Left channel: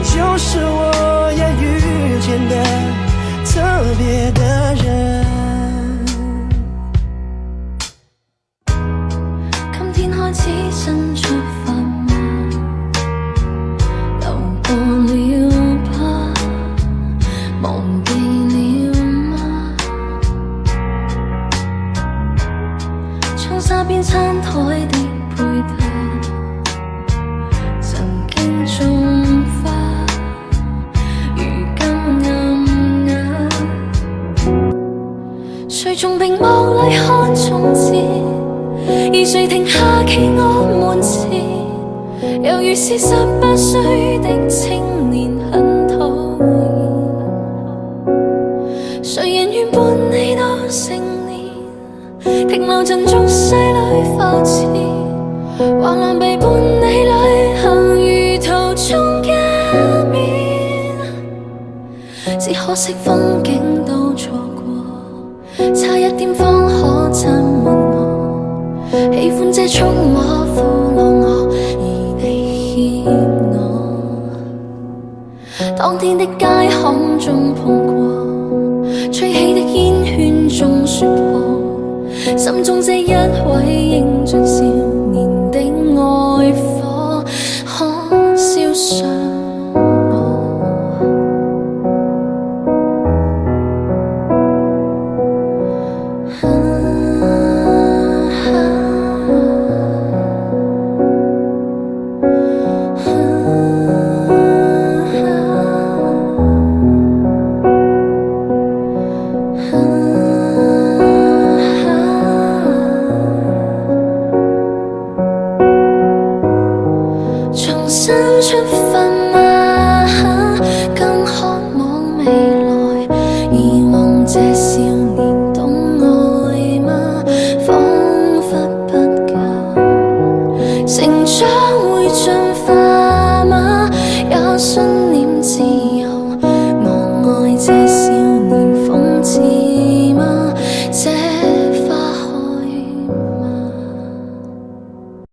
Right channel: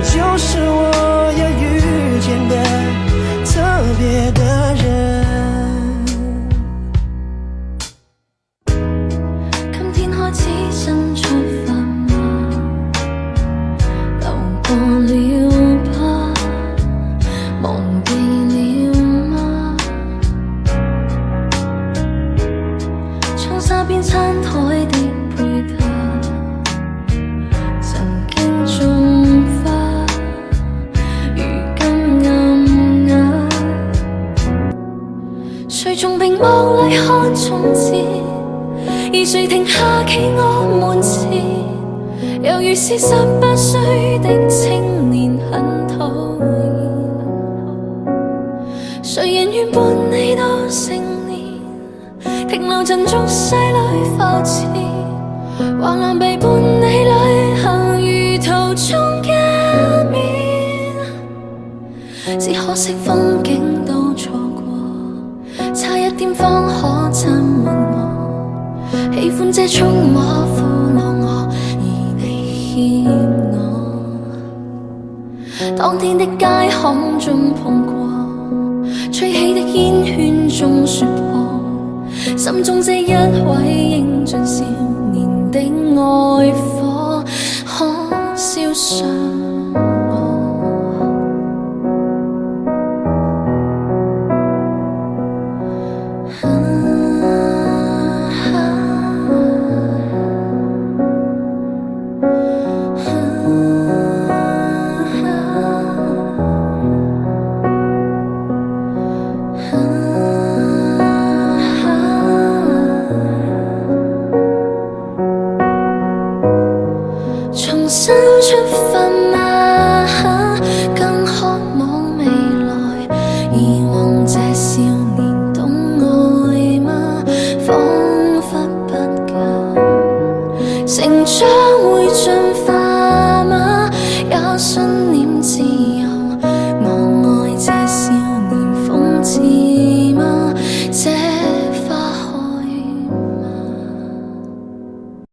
你就是我要遇见的特别的人。今天開始新出發嗎？流過了吧？忘記了嗎？從沙邊餐台的配搭，曾經種花，如今暗啞。誰從屏幕裏看從前？而誰停下企我門前，猶如是18歲的青年，很討厭。誰人願伴你到成年，停留陣俗世裏浮潛，橫難被伴你旅行，如途中見面。只可惜風景都錯過，差一點方可親吻我。喜歡這觸摸俘虜我，而你欠我。當天的街巷中碰過，吹起的煙圈中說破，心中這一位英俊少年的愛火，可燒傷我。重新出發嗎？更渴望未來，以往這少年懂愛嗎？彷彿不夠，成長會盡